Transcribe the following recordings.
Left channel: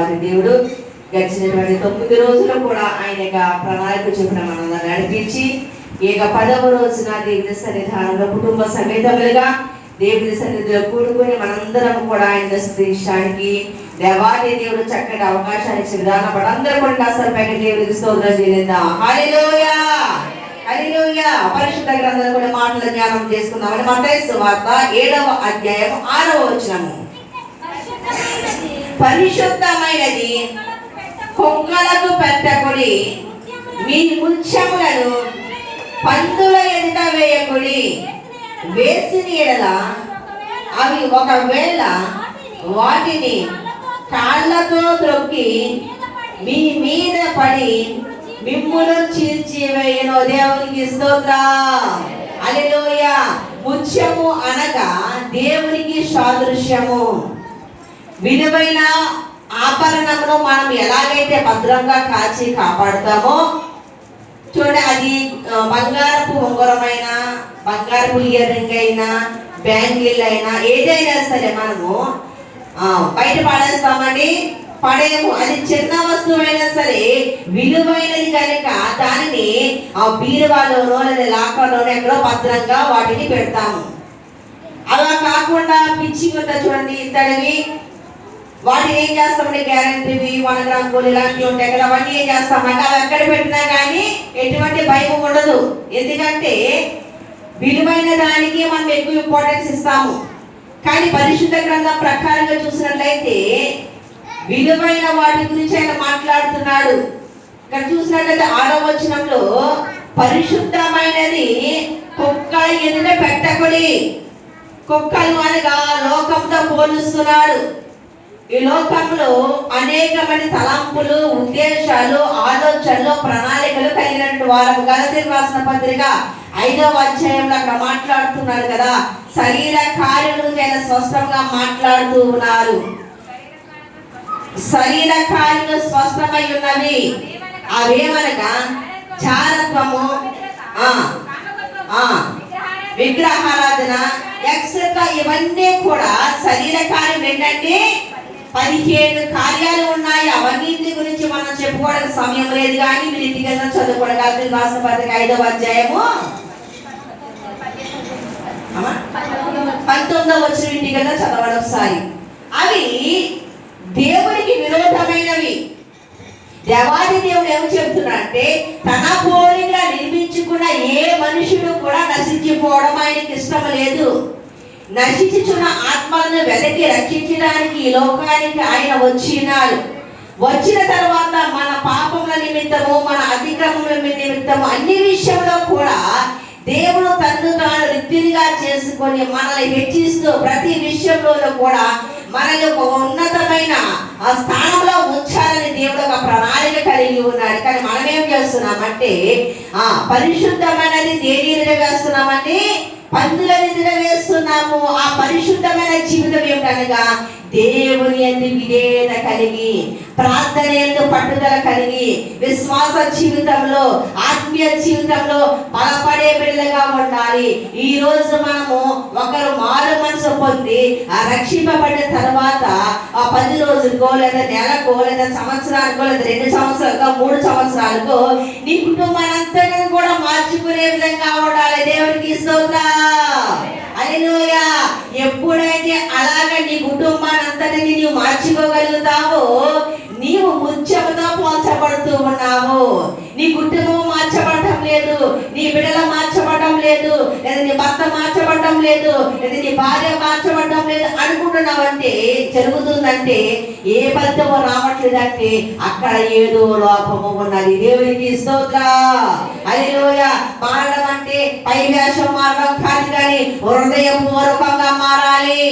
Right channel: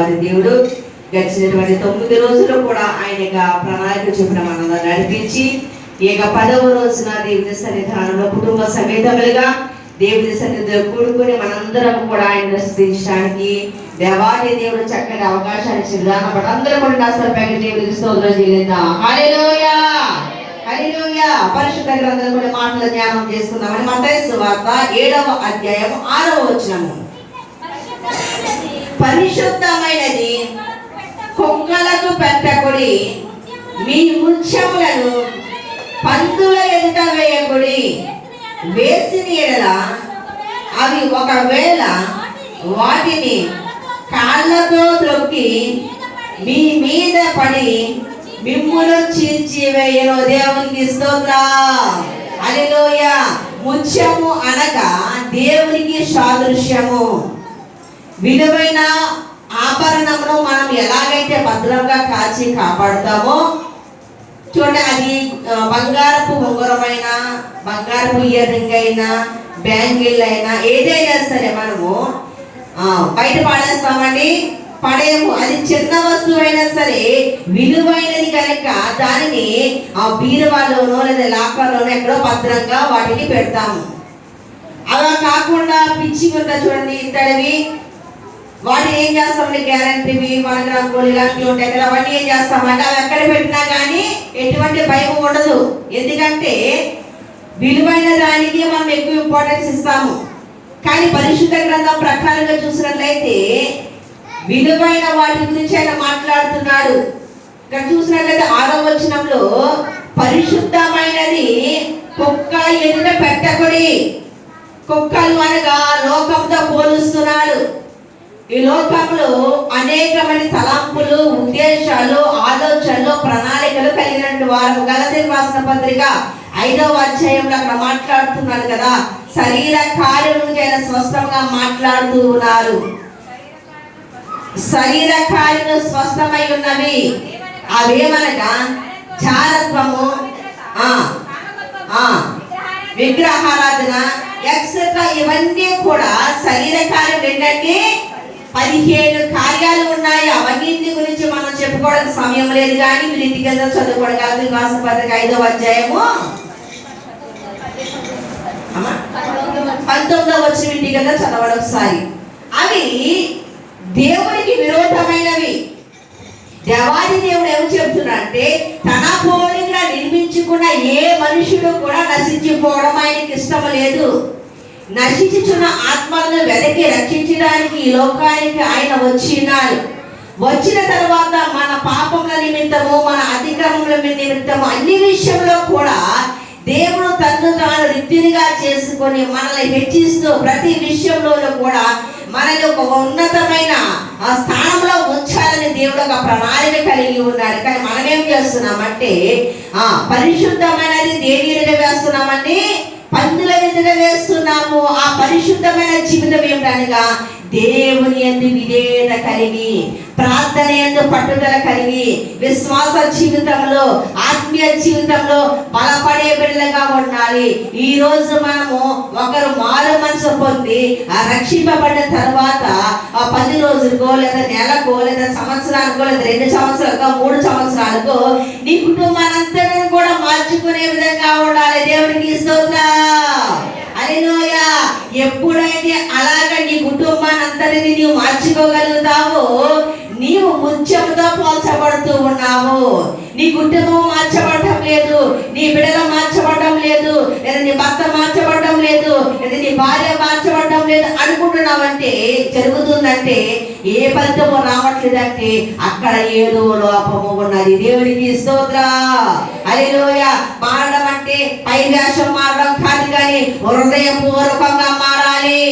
దేవాది దేవుడు గడిచినటువంటి 9 రోజులు కూడా ఆయన ప్రణాళిక చెప్పిన మనం నడిపించి ఇక 10వ రోజున దేవుని సన్నిధానంలో కుటుంబ సమేతములుగా దేవుని సన్నిధిలో కూడుకొని మనందరం కూడా ఆయన స్తుతించడానికి దేవాది దేవుడు చక్కటి అవకాశాన్ని ఇచ్చిన అందరూ కూడా కాస్త పైకి దేవుడికి స్తోత్రం చేద్దాం. హల్లెలూయా హల్లెలూయా. పరిశుద్ధ గ్రంథంలో కొన్ని మాటలు ధ్యానం చేసుకుందామని మత్తయి సువార్త 7వ అధ్యాయం 6వ వచనము. పరిశుద్ధమైనది కుక్కలకు పెట్టకుడి, మీ ముత్యములను పందుల ఎదుట వేయకుడి, వేసిన ఎడల అవి ఒకవేళ వాటిని కాళ్ళతో త్రొక్కి మీ మీద పడి మిమ్మును చీల్చివేయును. దేవునికి స్తోత్రం. హల్లెలూయా. ముత్యము అనగా దేవునికి సాదృశ్యము. విలువైన ఆభరణము మనం ఎలాగైతే భద్రంగా కాచి కాపాడుతామో చూడండి, అది బంగారపు ఉంగరమైన, బంగారపు ఇయర్ రింగ్ అయినా, బ్యాంగిల్ అయినా, ఏదైనా సరే మనము బయట పడేస్తామండి, పడేము. అది చిన్న వస్తువైనా సరే విలువైనది కనుక దానిని బీరువాలోనో లేదా లాకర్లోనో ఎక్కడో భద్రంగా వాటిని పెడతాము. అలా కాకుండా పిచ్చి కింద చూడండి ఇతడివి, వాటిని ఏం చేస్తామంటే గ్యారెంటీవి, మనకు ఇలాంటివి ఉంటాయి కదా, అవన్నీ ఏం చేస్తామంటే అవి ఎక్కడ పెట్టినా కానీ ఎటువంటి భయం ఉండదు. ఎందుకంటే విలువైన దానికి మనం ఎక్కువ ఇంపార్టెన్స్ ఇస్తాము. కానీ పరిశుద్ధ గ్రంథం ప్రకారంగా చూసినట్లయితే విలువైన వాటి గురించి ఆయన మాట్లాడుతున్నాడు. ఇక్కడ చూసినట్లయితే 6వ వచనంలో పరిశుద్ధమైనది కుక్క ఎదుట పెట్టకుడి. కుక్కలు అనగా లోకంతో పోలుస్తున్నాడు. ఈ లోకంలో అనేకమైన తలంపులు, ఉద్దేశాలు, ఆలోచనలు, ప్రణాళికలు కలిగినటువంటి వారు. గలతీయులకు రాసిన పత్రిక 5వ అధ్యాయంలో అక్కడ మాట్లాడుతున్నాడు కదా, శరీర కార్యముల గురించి ఆయన స్పష్టంగా మాట్లాడుతూ ఉన్నారు. శరీర కార్యములు స్పష్టమై ఉన్నవి. అవేమనగా జారత్వము, విగ్రహారాధన ఎక్సెట్రా, ఇవన్నీ కూడా శరీర కార్యం. ఏంటంటే 15 కార్యాలు ఉన్నాయి. అవన్నీ గురించి మనం చెప్పుకోవడానికి సమయం లేదు. కానీ మీరు ఇంటికి చదువుకోవడం కాదు. రాసిన పత్రిక 5వ అధ్యాయము 19వ వచనం ఇంటికి చదవడం ఒకసారి. అవి దేవునికి విరోధమైనవి. దేవాది దేవుడు ఏమి చెప్తున్నాడంటే తన పోలికలా నిర్మించుకున్న ఏ మనుషుడు కూడా నశించిపోవడం ఆయనకి ఇష్టం లేదు. నశించుచున్న ఆత్మలను వెదకి రక్షించడానికి ఈ లోకానికి ఆయన వచ్చినాడు. వచ్చిన తర్వాత మన పాపముల నిమిత్తము, మన అతిక్రమముల నిమిత్తము అన్ని విషయంలో కూడా దేవుడు తన్ను తాను రిక్తునిగా చేసుకొని మనల్ని హెచ్చిస్తూ ప్రతి విషయంలో కూడా మనల్ని ఒక ఉన్నతమైన స్థానంలో ఉంచాలని దేవుడు ఒక ప్రణాళిక కలిగి ఉన్నాడు. కానీ మనం ఏం చేస్తున్నామంటే పరిశుద్ధమైనది దేని ఎదుట వేస్తున్నామని, పందుల ఎదుట వేస్తున్నాము. ఆ పరిశుద్ధమైన జీవితం ఏమిటనగా దేవుని యందు విధేయత కలిగి, ప్రార్థన యందు పట్టుదల కలిగి, విశ్వాస జీవితంలో, ఆత్మీయ జీవితంలో బలపడే బిడ్డలుగా ఉండాలి. ఈ రోజు మనము ఒకరు మారు మనసు పొంది రక్షింపబడిన తర్వాత 10 రోజులకో లేదా నెలకో లేదా సంవత్సరానికో లేదా 2 సంవత్సరాలకో 3 సంవత్సరాలకో నీ కుటుంబానంతటిని కూడా మార్చుకునే విధంగా ఉండాలి. దేవునికి స్తోత్రం. హల్లెలూయా. ఎప్పుడైతే అలాగ నీ కుటుంబాన్ని అంతటిని నీవు మార్చుకోగలుగుతావో నీవు ముత్యముతో పోల్చబడుతూ ఉన్నావు. నీ కుటుంబం మార్చబడటం లేదు, నీ బిడ్డలు మార్చబడటం లేదు, లేదా నీ భర్త మార్చబడటం లేదు, లేదా నీ భార్య మార్చబడటం లేదు అనుకుంటున్నావంటే జరుగుతుందంటే ఏ ఫలితమో రావట్లేదంటే అక్కడ ఏదో లోపము ఉన్నది. దేవునికి స్తోత్రం. హల్లెలూయా. మారడం అంటే పై వేషం మారడం కాదు, కానీ హృదయపూర్వకంగా మారాలి.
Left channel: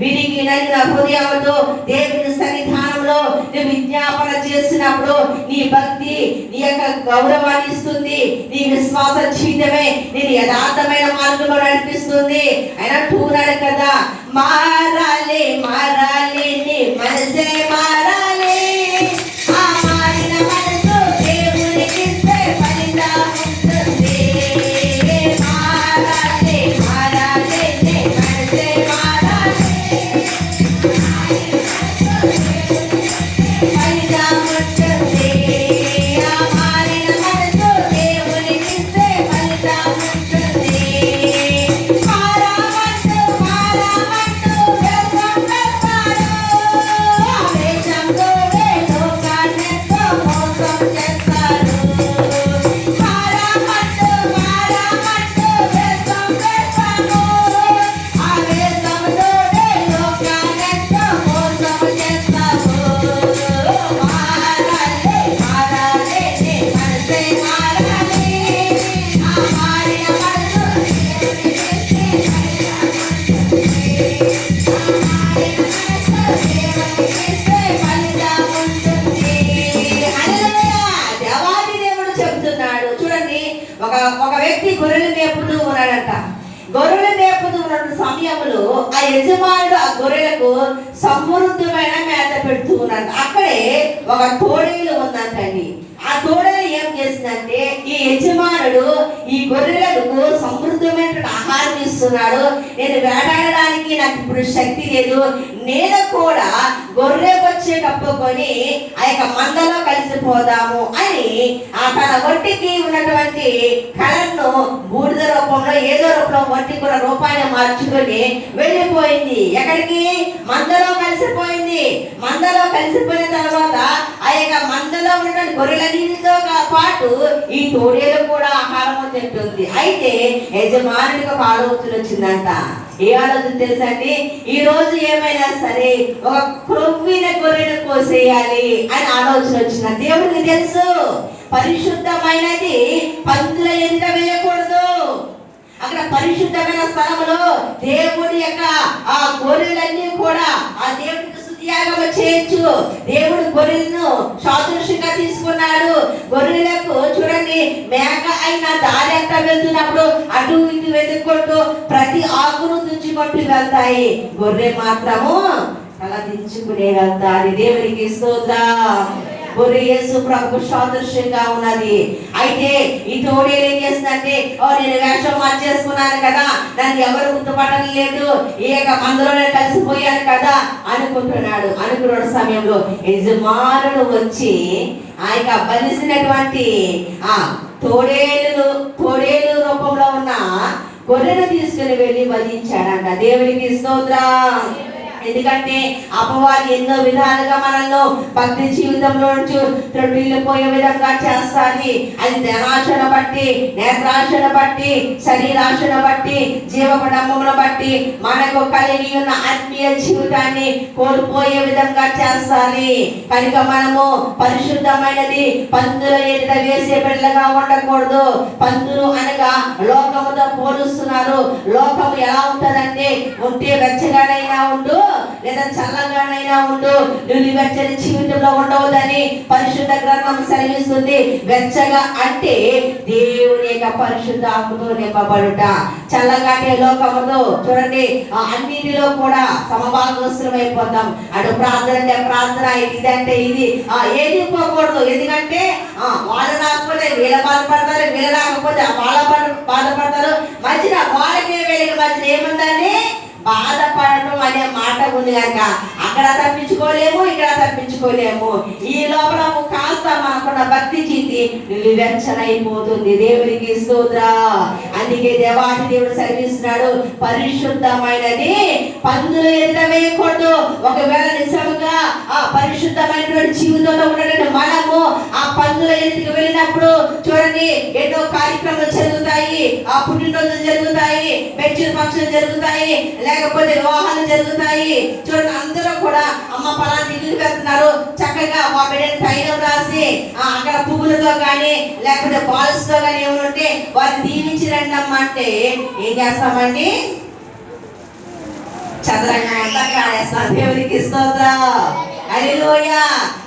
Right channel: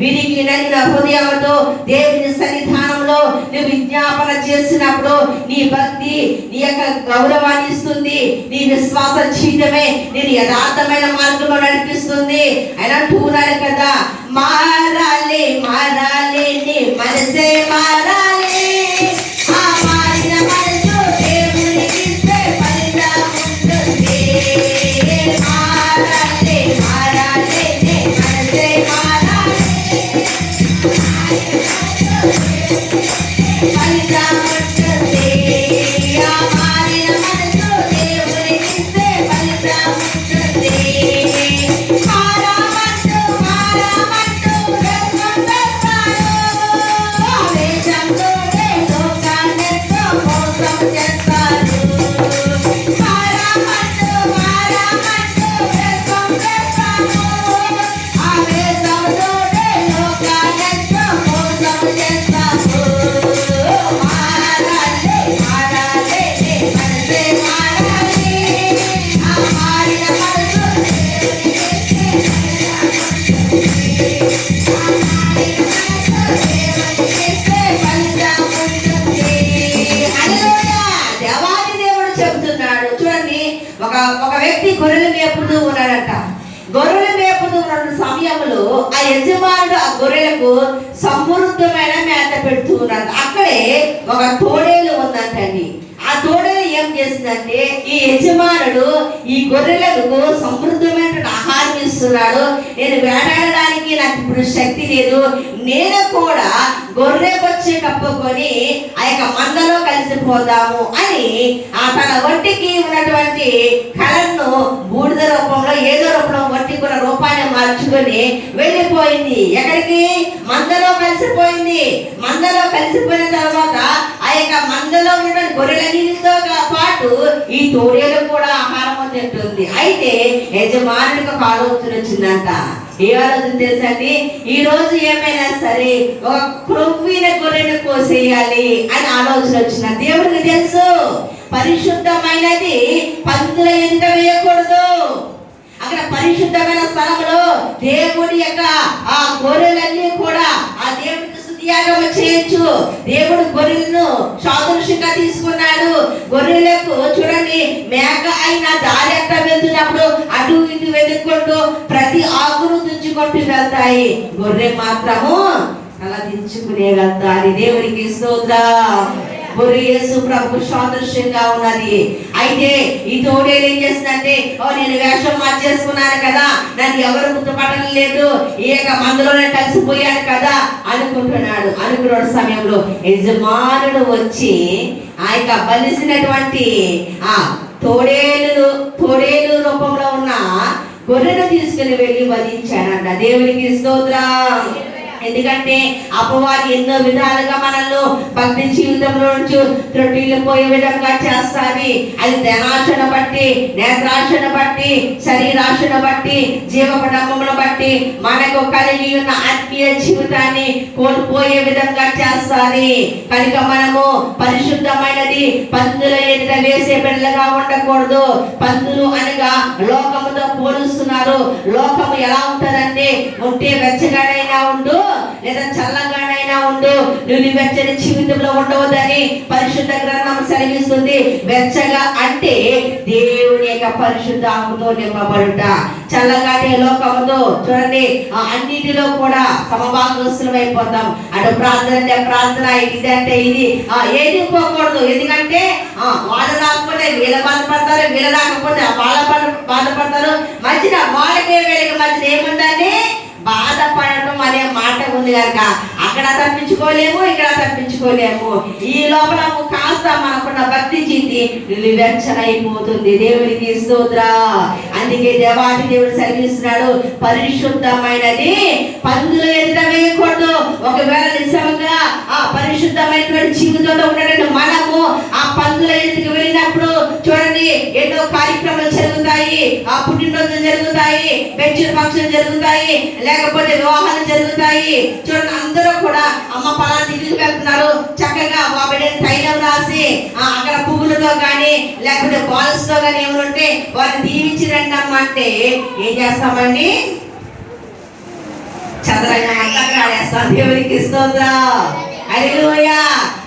విరిగి నలిగిన హృదయంతో దేవుని సన్నిధానంలో నువ్వు విజ్ఞాపన చేసినప్పుడు నీ భక్తి నీ యొక్క గౌరవాన్ని ఇస్తుంది. నీ విశ్వాస జీవితమే నేను యథార్థమైన మార్గంలో నడిపిస్తుంది. ఆయన అంటున్నాడు కదా, మారాలి మారాలి నీ మనసే మారాలి. ఆ మారిన మనసు దేవునికి ఫలితం ఉంటుంది. మారాలి మారాలి నీ మనసే మారాలి. చెబుతున్నాడు చూడండి. ఒక ఒక వ్యక్తి గొర్రెలు మేపుతూ ఉన్నాడట. గొర్రెలు మేపుతూ ఉన్న సమయంలో ఆ యజమానుడు ఆ గొర్రెలకు సమృద్ధమైన మేత పెడుతూ ఉన్నాడు. అక్కడే ఒక తోడేలు ఉందంటండి. ఆ తోడేలు ఏం చేసిందంటే, ఈ యజమానుడు ఈ గొర్రెలకు సమృద్ధమైన ఆహారం ఇస్తున్నాడు, నేను వేటాడడానికి నాకు ఇప్పుడు శక్తి లేదు, నేను కూడా గొర్రె వచ్చే కప్పుకొని ఆ యొక్క మందలో కలిసిపోదాము అని ఆ తన ఒంటికి ఉన్నటువంటి కళను బూడిద రూపంలో ఏదో రూపంలో ఒంటికున్న రూపాన్ని మార్చుకొని వెళ్ళిపోయింది. ఎక్కడికి? మందలో కలిసిపోయింది. మందలో కలిసిపోయిన తర్వాత ఆ యొక్క మందలో ఉన్నటువంటి గొర్రెలతో పాటు ఈ తోడేలు కూడా ఆహారం తింటుంది. అయితే యజమానుడికి ఒక ఆలోచన వచ్చిందంట. ఏ ఆలోచన తెలుసండి? ఈ రోజు ఏమైనా సరే ఒక క్రొవ్విన గొర్రెను కోసేయాలి అని ఆలోచన వచ్చిన. దేవుడికి తెలుసు పరిశుద్ధమైనది పందుల ఎదుట వేయకూడదు. అక్కడ పరిశుద్ధమైన స్థలంలో దేవుడి యొక్క ఆ గొర్రెలన్నీ కూడా ఆ దేవుడికి స్తుతియాగం చేయొచ్చు. దేవుడు గొర్రెలను సాదృశ్యంగా తీసుకున్నాడు. గొర్రెలకు చూడండి, మేక అయిన దారి అంతా వెళ్తున్నప్పుడు అటు ఇటు వెతుక్కుంటూ ప్రతి ఆకును తుంచుకుంటూ వెళ్తాయి. గొర్రె మాత్రము తల దించుకునే వెళ్తారు. దేవుడికి స్తోత్రం. గొర్రె యేసు ప్రభు సాదృశ్యంగా ఉన్నది. అయితే ఈ తోడేలు ఏం చేస్తుందంటే, నేను వేషం మార్చేసుకున్నాను కదా, నన్ను ఎవరు గుర్తుపట్టడం లేదు, ఈ యొక్క మందులోనే కలిసిపోయాను కదా అనుకుంటున్నాడు. అనుకున్న సమయంలో యజమానుడు వచ్చి ఆ యొక్క బలిసినటువంటి ఆ తోడేలు రూపంలో ఉన్న గొర్రెను తీసుకుని వెళ్ళి వధించాడంట. దేవునికి స్తోత్రం. ఎందుకంటే అపవాది ఎన్నో విధాలుగా మనల్ని భక్తి జీవితంలో నుంచి త్రొట్టిల్లిపోయే విధంగా చేస్తాది. అది ధనాశను బట్టి, నేత్రాశను బట్టి, శరీరాశను బట్టి, జీవపడమ్మను బట్టి మనకు కలిగి ఉన్న ఆత్మీయ జీవితాన్ని కోల్పోయే విధంగా చేస్తాది. కనుక మనము పరిశుద్ధమైనది పందుల ఎదుట వేసే బిడ్డలుగా ఉండకూడదు. పందులు అనగా లోకముతో పోలుస్తున్నారు. లోకము ఎలా ఉంటదంటే, ఉంటే వెచ్చగానైనా ఉండు లేదా చల్లగానైనా ఉండు, నువ్వు వెచ్చని జీవితంలో ఉండవద్దని పరిశుద్ధ గ్రంథం సెలవిస్తుంది. వెచ్చగా అంటే దేవుని యొక్క పరిశుద్ధ ఆత్మతో నింపబడుట. చల్లగానే లోకముతో చూడండి అన్నిటిలో కూడా సమభాగస్తులం అయిపోతాం. అటు ప్రార్థన అంటే ప్రార్థన, ఇది అంటే ఇది, ఏది పోకూడదు. ఎందుకంటే వాళ్ళు రాకపోతే వీళ్ళ బాధపడతారు, వీళ్ళు రాకపోతే వాళ్ళ బాధపడతారు. మధ్యన వాళ్ళకే వీళ్ళకి మధ్యన ఏముందని బాధపడటం అనే మాట ఉంది కనుక అక్కడ తప్పించుకోలేము, ఇక్కడ తప్పించుకోలేము. ఈ లోపల కాస్త మనకున్న భక్తి జీవితం వెచ్చనైపోతుంది. దేవునికి స్తోత్రం. అందుకే దేవాది దేవుడు సెలవిస్తున్నాడు, పరిశుద్ధమైనది పందుల ఎదుట వేయకూడదు. ఒకవేళ నిజంగా ఆ పరిశుద్ధమైనటువంటి జీవితంలో ఉన్నటువంటి మనము ఆ పందుల ఎదుటికి వెళ్ళినప్పుడు చూడండి, ఎన్నో కార్యక్రమాలు జరుగుతాయి, ఆ పుట్టినరోజులు జరుగుతాయి, పెంచిన పక్షులు జరుగుతాయి, లేకపోతే వివాహాలు జరుగుతాయి. చూడండి, అందరూ కూడా అమ్మ పలానా తిరిగి వెళ్తున్నారు, చక్కగా మా బిడ్డని తైలం రాసి అక్కడ పువ్వులతో కానీ లేకపోతే బాల్స్ తో కానీ ఏమంటే వారిని దీవించి రండి అమ్మ అంటే ఏం చేస్తామండి? చదరంగా దేవునికి స్తోత్రం. హల్లెలూయా.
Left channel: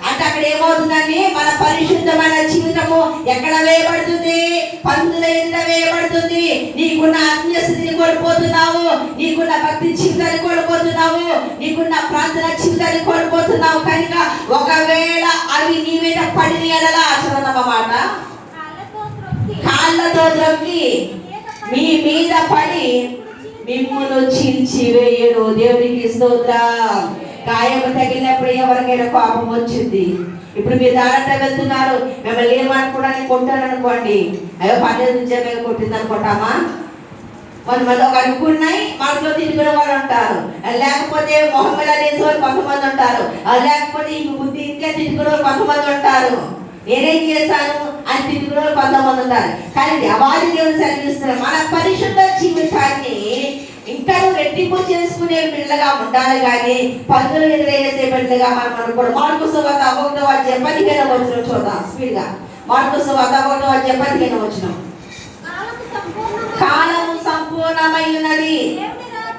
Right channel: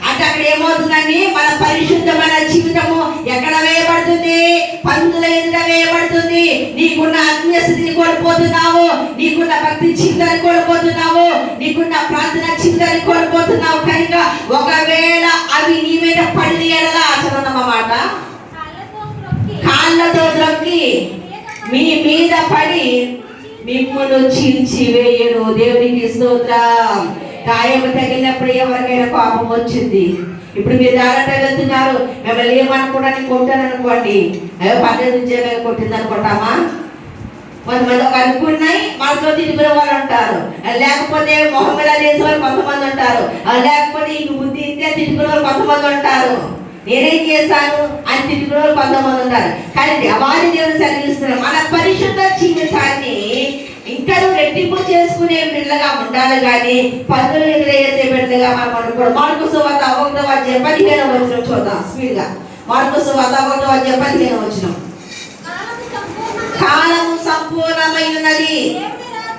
అంటే అక్కడ ఏమవుతుందండి? మన పరిశుద్ధమైన జీవితము ఎక్కడ వేయబడుతుంది? పందుల ఎదుట వేయబడుతుంది. నీకున్న ఆత్మీయ స్థితిని కోల్పోతున్నావు, నీకున్న భక్తి జీవితాన్ని కోల్పోతున్నావు, నీకున్న ప్రార్థన జీవితాన్ని కోల్పోతున్నావు. కనుక ఒకవేళ అవి నీ మీద పడిన ఎడలా చదవనమాట కాళ్ళతో ద్రొక్కి మీ మీద పడి మిమ్మును చీల్చివేయను. దేవునికి స్తోత్రం. గాయం తగిలినప్పుడు ఎవరికైనా కోపం వచ్చింది. ఇప్పుడు మీరు దారంట వెళ్తున్నారు, మిమ్మల్ని ఏమనుకోవడానికి కొట్టారనుకోండి, అయ్యో పర్లేదు నుంచే మేము కొట్టింది అనుకుంటామా? కొంతమంది ఒక అనుకున్నాయి మనసులో తిరిగిన వాళ్ళు ఉంటారు, లేకపోతే మొహం మీద వేసే వాళ్ళు కొంతమంది ఉంటారు, లేకపోతే ఈ బుద్ధి ఇంతే తిరిగిన వాళ్ళు కొంతమంది ఉంటారు. నేనేం చేశాను అని తిరిగిన వాళ్ళు కొంతమంది ఉంటారు. కానీ దేవాది దేవుడు సెలవిస్తున్నారు, మన పరిశుద్ధ జీవితాన్ని ఇంకా రెట్టింపు చేసుకునే బిడ్డగా ఉండాలి, కానీ పనులు ఎదురయ్యేసే బిడ్డగా మనం అనుకోవడం. మార్కు సువార్త 1:15 చూద్దాం స్పీడ్ గా. మార్కు సువార్త 1:15 కాలము సంపూర్ణమై ఉన్నది,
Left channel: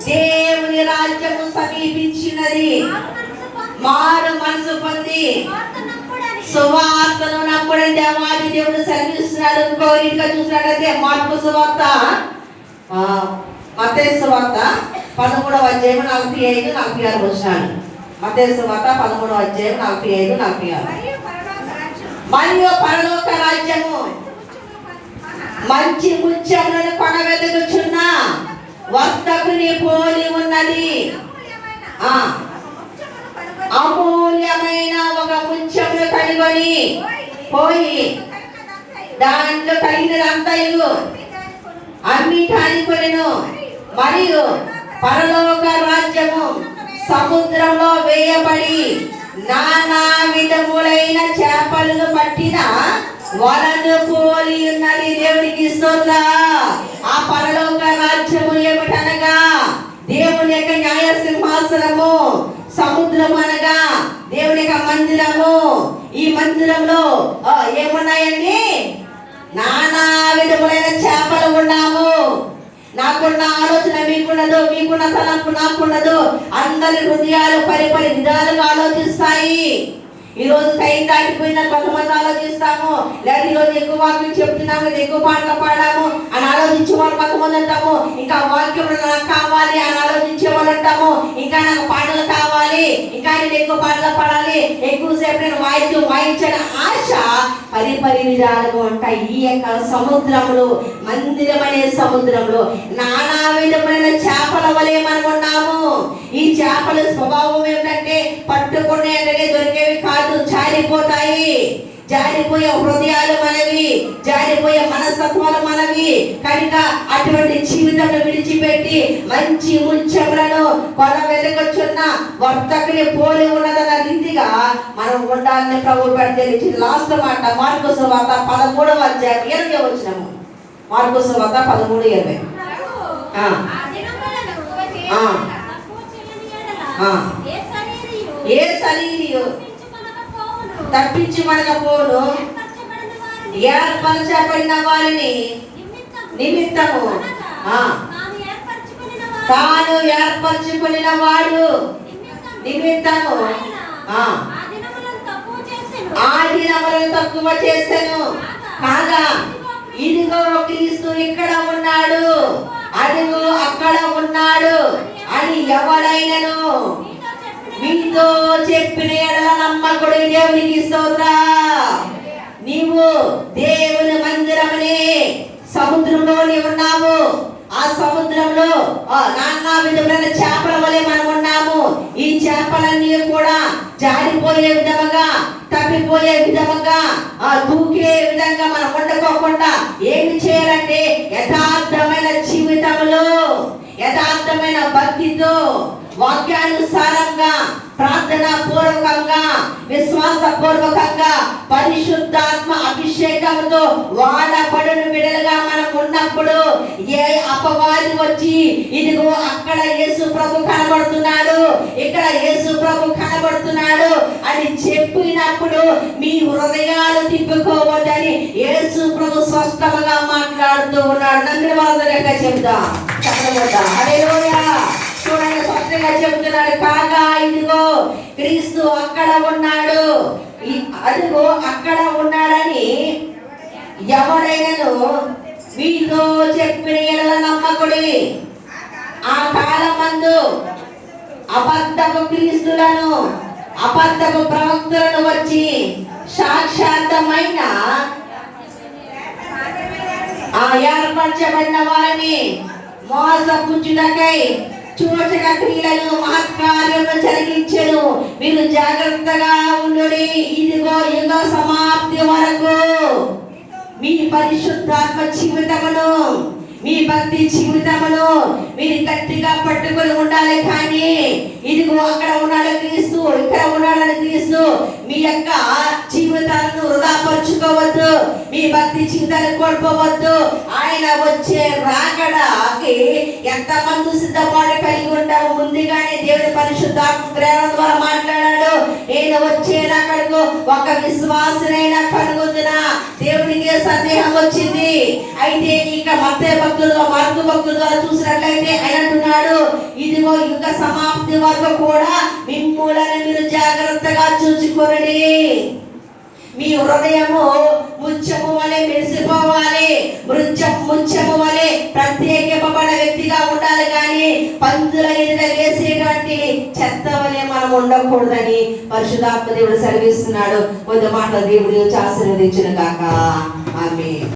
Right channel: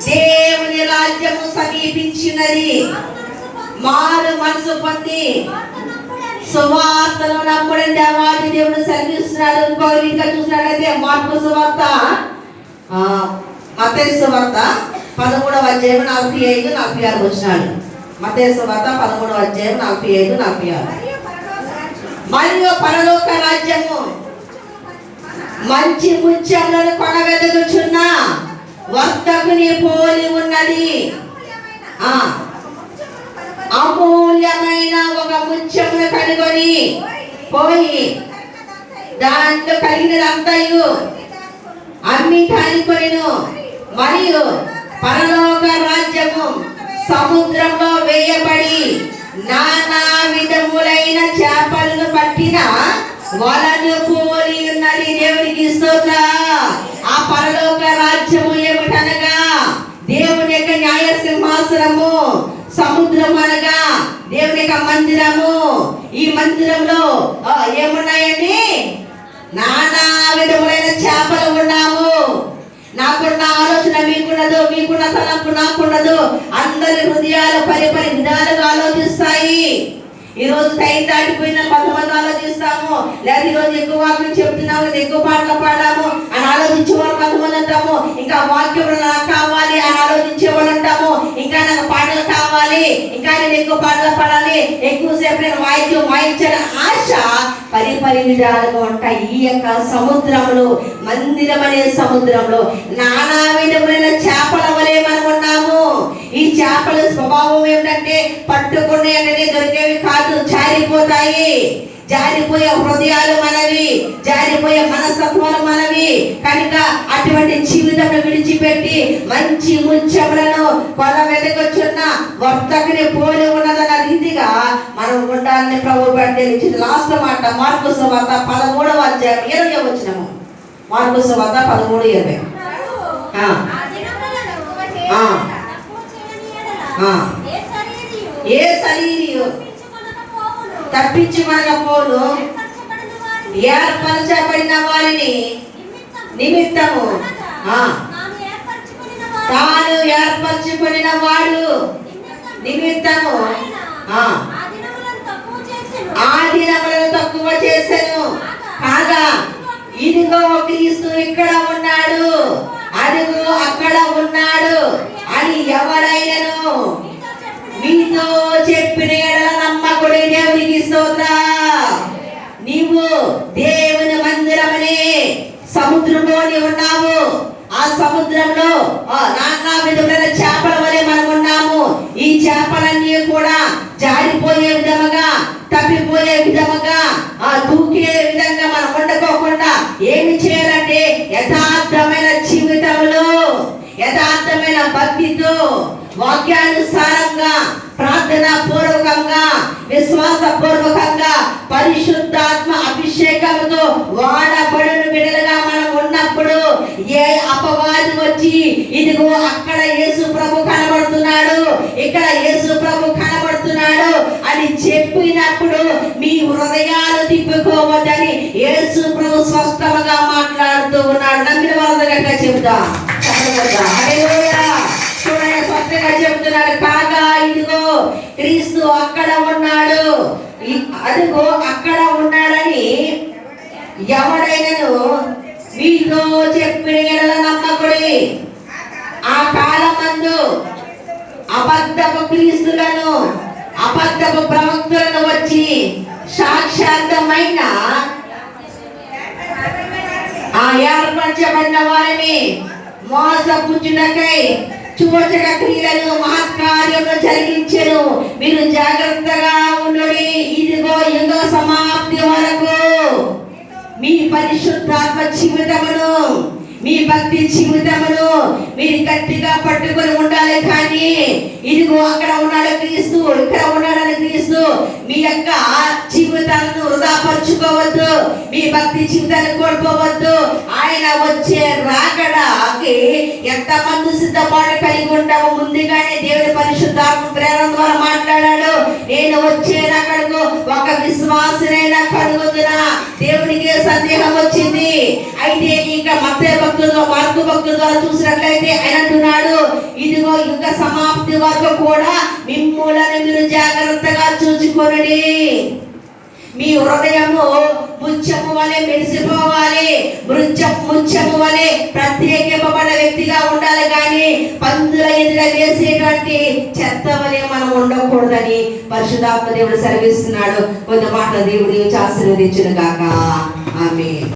దేవుని రాజ్యము సమీపించినది, మారు మనసు పొంది సువార్తను నమ్ముడని దేవాది దేవుడు సెలవిస్తున్నాడు. ఇంకో రీతిగా చూసినట్లయితే మార్కు సువార్త మత్తయి సువార్త 13:45-46 మత్తయి సువార్త 13:45-46. మరియు పరలోక రాజ్యము మంచి ముత్యములను కొనవెతుకుచున్న వర్తకుని పోలి ఉన్నది. అమూల్యమైన ఒక ముత్యమును కనుగొని పోయి దాంట్లో కలిగినదంతయు అమ్మి కానికొనెను. మరియు పరలోక రాజ్యము సముద్రంలో వేయబడి నానా విధములైన చేపలను పట్టిన వలను పోలి ఉన్నది. దేవునికి స్తోత్రం. ఆ పరలోక రాజ్యము ఏమిటనగా దేవుని యొక్క న్యాయ సింహాసనము, సముద్రం అనగా దేవుని యొక్క మందిరము. ఈ మందిరంలో ఏమున్నాయండి? నానా విధములైన చేపలు ఉన్నాము. నాకున్న ఆలోచన మీకున్నదు, మీకున్న తలంపు నాకున్నదు. అందరి హృదయాలు పరిపరి విధాలుగా ఆలోచిస్తాయి. ఈ రోజు టైం దాటిపోయిన కొంతమంది ఆలోచిస్తాము, లేదా ఈ రోజు ఎక్కువ వాక్యం చెప్తున్నాము, ఎక్కువ పాటలు పాడాము అని ఆలోచించే వాళ్ళు కొంతమంది ఉంటాము. ఇంకా వాక్యం నాకు కావాలి అని ఆలోచించే వాళ్ళు ఉంటాము. ఇంకా నాకు పాటలు కావాలి, ఇంకా నేను ఎక్కువ పాటలు పాడాలి, ఎక్కువసేపు నేను వాయించాలని ఆశ పరిపరి విధాలుగా ఉంటాయి. ఈ యొక్క సముద్రంలో, మందిరం అనే సముద్రంలో నానా విధమైన చేపల వలె మనం ఉన్నాము. ఈ చేపల స్వభావం ఏమిటంటే పట్టుకునే దొరికేవి కాదు, జారిపోతాయి. జారిపోయే హృదయాలు మనవి, జారిపోయే మనస్తత్వాలు మనవి. కనుక అటువంటి జీవితం విడిచిపెట్టి మంచి ముత్యములను కొల వెతకొచ్చున్న వర్తకుని పోలి ఉన్నదన్న రీతిగా మనం ఉండాలని ప్రభు తెలిసింది. లాస్ట్ మాట మార్కు సువార్త 13:20. మార్కు సువార్త 13:20. ఏ శరీరియు తప్పించుకొనకపోను ఏర్పరచబడిన వారిని నిమిత్తము తాను ఏర్పరచుకున్న వాడు నిమిత్తము ఆ దినములను తక్కువ చేసెను. కాగా ఇదిగో క్రీస్తు ఇక్కడ ఉన్నాడు, అదిగో అక్కడ ఉన్నాడు అని ఎవడైనను మీతో చెప్పిన ఎడల నమ్మకుడి. దేవునికి స్తోత్రం. నీవు దేవుని మందిరమనే సముద్రంలోని ఉన్నావు. ఆ సముద్రంలో నానా విధమైన చేపల వలె మనం ఉన్నాము. ఈ చేపలన్నీ కూడా జారిపోయే విధముగా, తప్పిపోయే విధముగా, దూకే విధంగా మనం ఉండకోకుండా ఏమి చేయాలంటే యథార్థమైన జీవితంలో, యథార్థమైన భక్తితో, వాక్యానుసారంగా, ప్రార్థనా పూర్వకంగా, విశ్వాస పూర్వకంగా, పరిశుద్ధాత్మ అభిషేకంతో వాడబడిన విడలుగా మనం ఉన్నప్పుడు ఏ అపవాది వచ్చి ఇదిగో అక్కడ యేసు ప్రభు కనబడుతున్నాడు, ఇక్కడ యేసు ప్రభు కనబడుతున్నాడు అని చెప్పినప్పుడు మీ హృదయాలు తిప్పుకోవద్దని యేసు ప్రభు స్పష్టంగా మాట్లాడుతూ ఉన్నాడు. నమ్మిన వాళ్ళ దగ్గర చెబుతా చూడండి, స్పష్టంగా చెబుతున్నాడు. కాగా ఇదిగో క్రీస్తు అక్కడ ఉన్నాడు, అదిగో అక్కడ ఉన్నాడని ఎవడైనను మీతో చెప్పిన నమ్మకుడి. ఆ కాలమందు అబద్ధపు క్రీస్తులను, అబద్ధపు ప్రవక్తలను వచ్చి సాక్షాత్తమైన ఏర్పరచబడిన వారిని మోసపుచ్చుటకై సూచక క్రియలను మహత్కార్యములను జరిగించెను. మీరు జాగ్రత్తగా ఉండుడి, ఇదిగో యుగ సమాప్తి వరకు మీ పరిశుద్ధాత్మ జీవితమును, మీ భక్తి జీవితమును మీరు గట్టిగా పట్టుకొని ఉండాలి. కానీ ఇదిగో అక్కడ ఉన్నాడు క్రీస్తు, ఇక్కడ ఉన్నాడని క్రీస్తు, మీ యొక్క జీవితాలను వృధాపరుచుకోవద్దు, మీ భక్తి జీవితాన్ని కోల్పోవద్దు. ఆయన వచ్చే రాకడాకి ఎంతమంది సిద్ధపాటు కలిగి ఉంటాము. ముందుగానే దేవుడి పరిశుద్ధాత్మ ప్రేరణ ద్వారా మాట్లాడాడు. నేను వచ్చే రాకడకు ఒక విశ్వాసనైనా కలుగుతున్నా. దేవుడికి సందేహం వచ్చింది. అయితే ఇక మత్తయి భక్తులు, మార్కు భక్తుల ద్వారా చూసినట్లయితే ఆయన అంటున్నాడు, ఇదిగో యుగ సమాప్తి వరకు కూడా మిమ్ములను మీరు జాగ్రత్తగా చూచుకోనండి. మీ హృదయము ముత్యము వలె మెరిసిపోవాలి, ముత్యము వలె ప్రత్యేకింపబడిన వ్యక్తిగా ఉండాలి. కానీ పందుల ఎదుట వేసేటువంటి చెత్త వలె మనం ఉండకూడదని పరిశుద్ధాత్మ దేవుడు సెలవిస్తున్నాడు. కొంత మాట దేవుడు ఆశీర్వదించును గాక. ఆమేన్.